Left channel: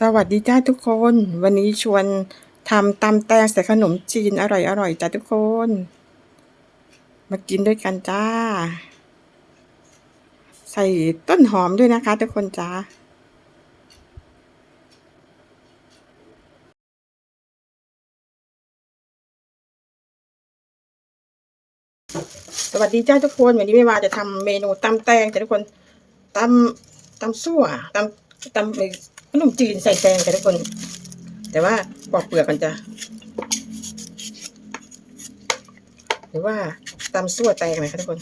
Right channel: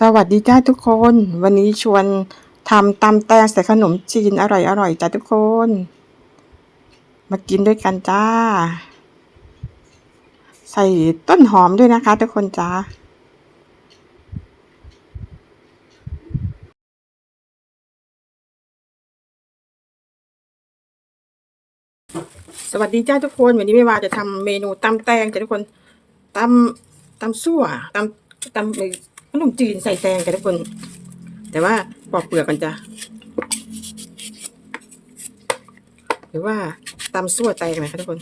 สวัสดีจ้าทุกคน วันนี้ชวนทำตำแตงใส่ขนมจีนอร่อยอร่อยจ้าทุกคน มากินด้วยกันจ้า ใส่ต้นหอมด้วยนะคะ ทุกคนจ้าสวัสดีจ้าทุกคนวันนี้ไม่ว่าจะทำเมนูตำแตงจ้าทุกคนตำตำซั่วตำตำ ขนมจีนใส่แตงจ้าทุกคน แต่ว่าปอกเปลือกมันจะหรือว่าตำซั่วแตงเลยค่ะทุกคน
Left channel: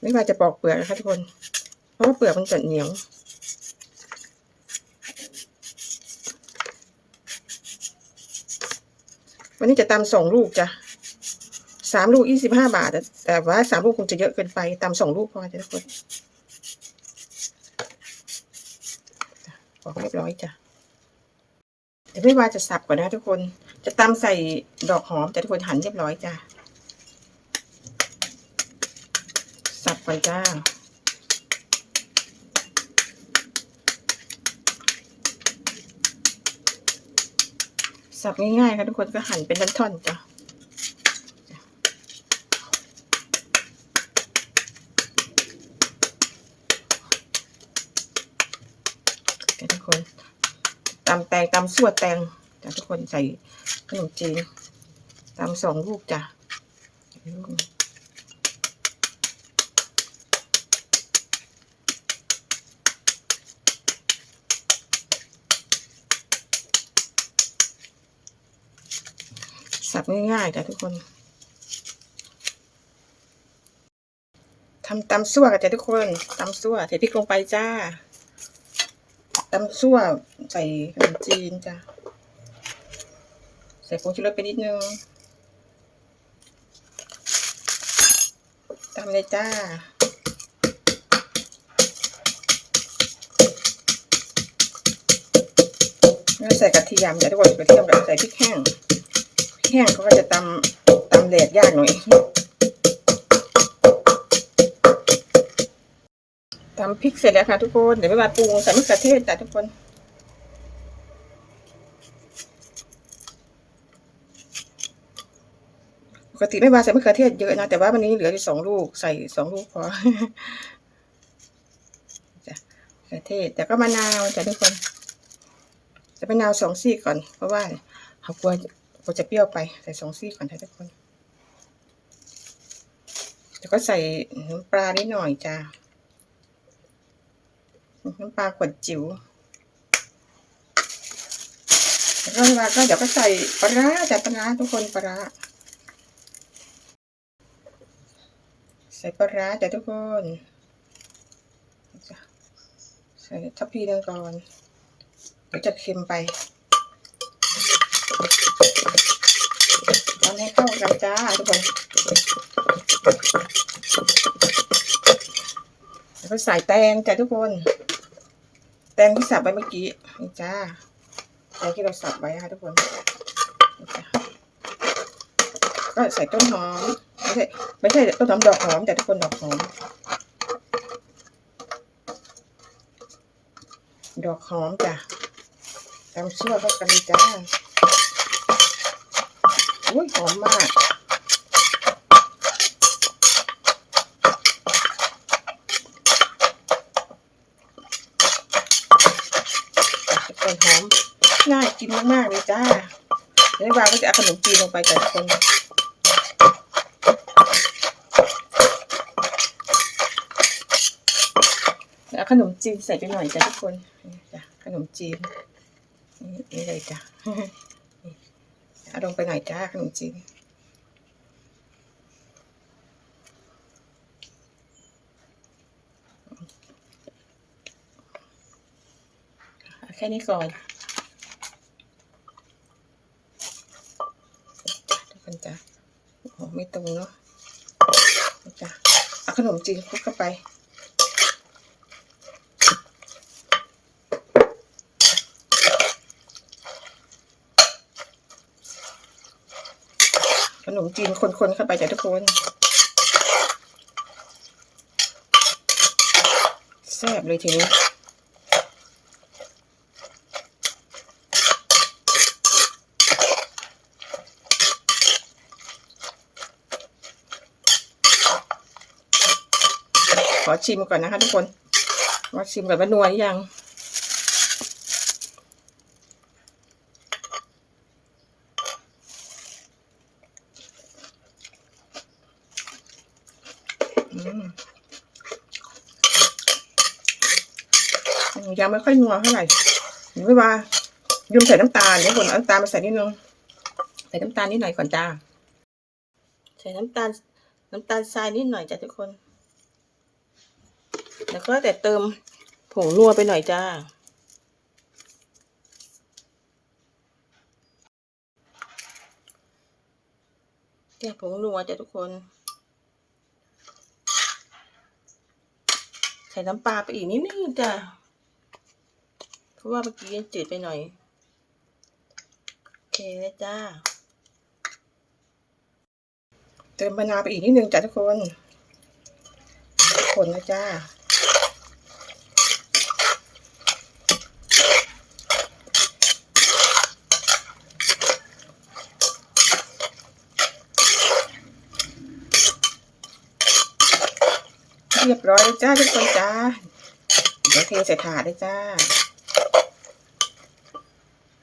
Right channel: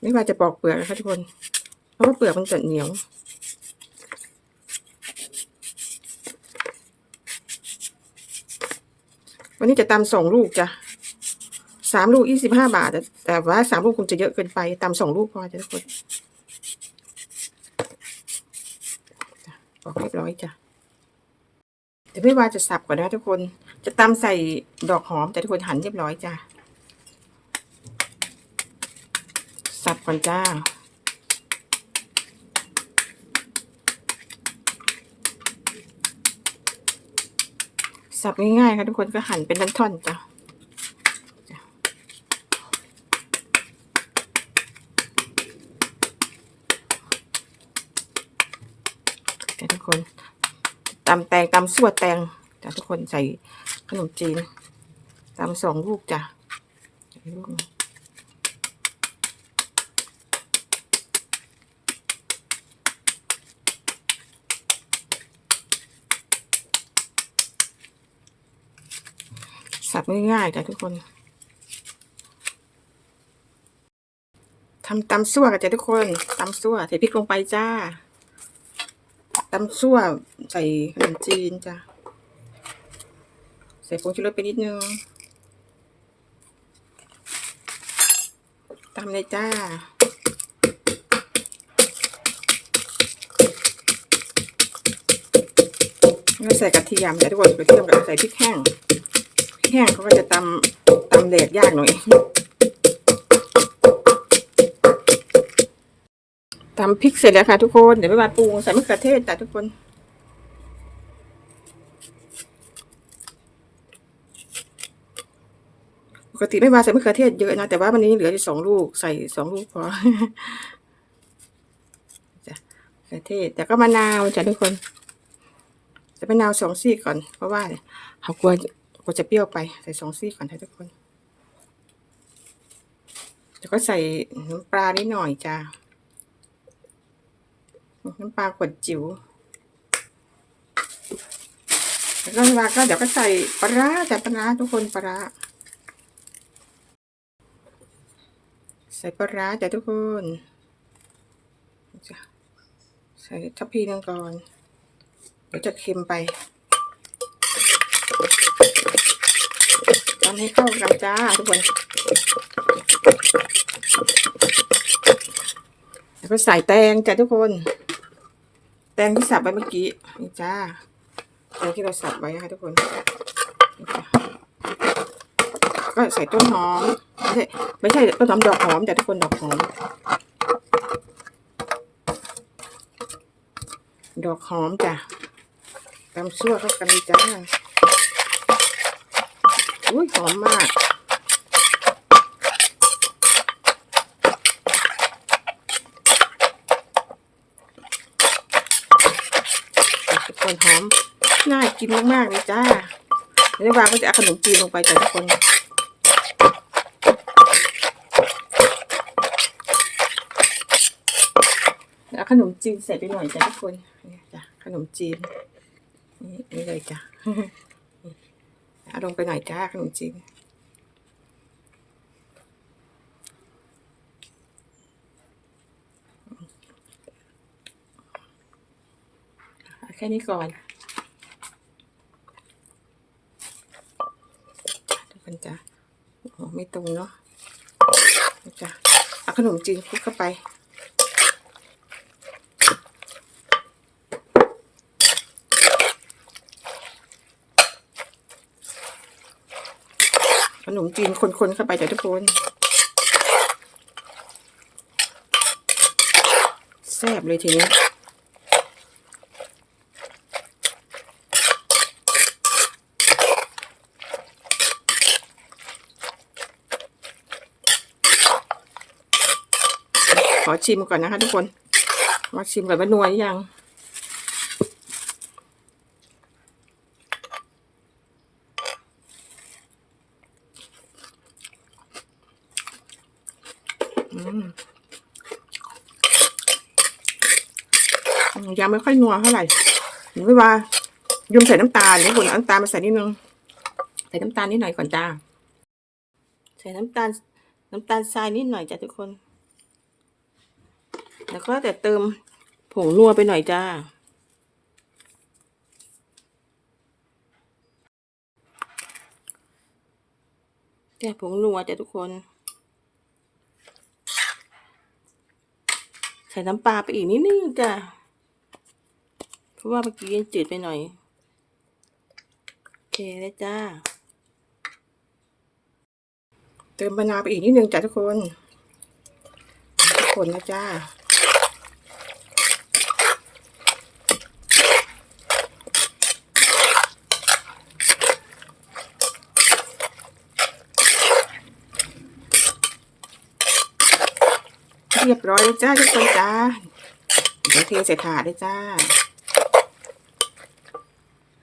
ไม่ว่าจะปอกเปลือกนะคะทุกคน เพราะว่าเปลือกมันจะเหนียว วันนี้จะตำสองลูกจ้ะสามลูกยี่สิบห้าบาท แต่ว่าสามลูกคงจะเยอะเกินไปตำสองลูกพอจ้ะทุกคนบอกเรียบร้อยจ้ะเดี๋ยวไม่ว่าจะสับก่อนนะทุกคน จะตำใส่ดอกหอมแต่ทุกคนหั่นเรียบร้อยจ้ะสับก่อนจ้า สับง่ายๆค่ะทุกคนก็หั่นเป็นท่อนๆจ้ะจ้ะทุกคนตำแตงตำสั่วแตงจ้ะทุกคนใส่ขนมจีนตำสองลูกจ้ะลูกนึง สับง่ายๆจ้ะทุกคนทำตำซั่วกันจ้ะทุกคนตำซั่วใส่พริกลงไปจ้าตำซั่วใส่ขนมจีนจ้ะใส่ผงชูรสไปนิดนึงตำเลยจ้าแล้วใส่กระเทียมจ้ะทุกคนกระเทียมกับใส่พริกแห้ง แห้งเขาก็จะตำตำแหลกยากหน่อยตำพริกเสร็จแล้วค่ะทุกคน เดี๋ยวไปมาปรุงใส่มะเขือเทศจ้ะทุกคนปกติไม่มาใส่มะเขือเทศเยอะนะแต่ว่าวันนี้เหลือที่สองลูกใส่สองลูกพอจ้ะมะเขือเทศแต่ก็มะนาวจ้ะทุกคนจะมะนาวสองซี่ก่อนเพราะว่าเขากลัว ก็จะเปรี้ยวไปใส่สองซี่ก่อนทุกคนแล้วก็ใส่น้ำปลานิดหน่อยจ้าน้ำปลาขวดจิ๋วแล้วก็เวลาก็เดี๋ยวก็ใส่ปลาร้าแต่ปลาร้าทุกคนปลาร้าใส่ปลาร้าจ้ะทุกคนใส่ทัพพีนึงก่อนเดี๋ยวจะเค็มไป ทำให้เข้ากันจ้าทุกคนแล้วก็ใส่แตงจ้ะทุกคน แตงที่สับไปเมื่อกี้นี่จ้าแตงที่เราสับไว้ค่ะทุกคน ก็ใส่ต้นหอม ไม่ใช่ไม่ใช่ต้นหอมดอกหอมจ้ะทุกคนดอกหอม ดอกหอมจ้ะตำซั่วเข้ากันเลยจ้า อุ้ยหอมมากทุกนหอมน่ากินมากๆเลยจ้าแล้ววางก็จะเอาขนมจีนลงไปจ้ะทุกคนแล้วขนมจีนใส่ไปหน่อยจ้ะทุกคนนี่จ้ะขนมจีนนี่นี่เลยจ้ะ เอาลงไปหน่อยจ้าขนมจีนแค่นี้ก่อนทุกคนจ้ะโอ้โหไม่ตรงเนาะจ้ะเอาขนมจีนคลุกเข้าไป มจีนคนๆเข้าไปจ้ะทุกคนแซ่บเลยทีนี้ขอชิมก่อนนะคะทุกคน มาชิมก่อนว่านัวหรือยัง ยังไม่ค่อยนัวเท่าไหร่หรือว่ายืมใส่น้ำตาลเดี๋ยวผมเอาน้ำตาลมาใส่นิดนึง ใส่น้ำตาลนิดหน่อยก่อนจ้า ใส่น้ำตาล น้ำตาลทรายนิดหน่อยจ้ะทุกคน แล้วก็แต่เติมผงนัวไปหน่อยจ้า แก่ผงนัวจ้ะทุกคน ใส่น้ำปลาไปอีกนิดนึงจ้ะเพราะว่าเมื่อกี้จืดไปหน่อย โอเคเลยจ้า เติมมะนาวไปอีกนิดนึงจ้ะทุกคน ทุกคนนะจ้า เรียบร้อยแล้วจ้าทุกคนจ้าเดี๋ยวเทใส่ถาดเลยจ้า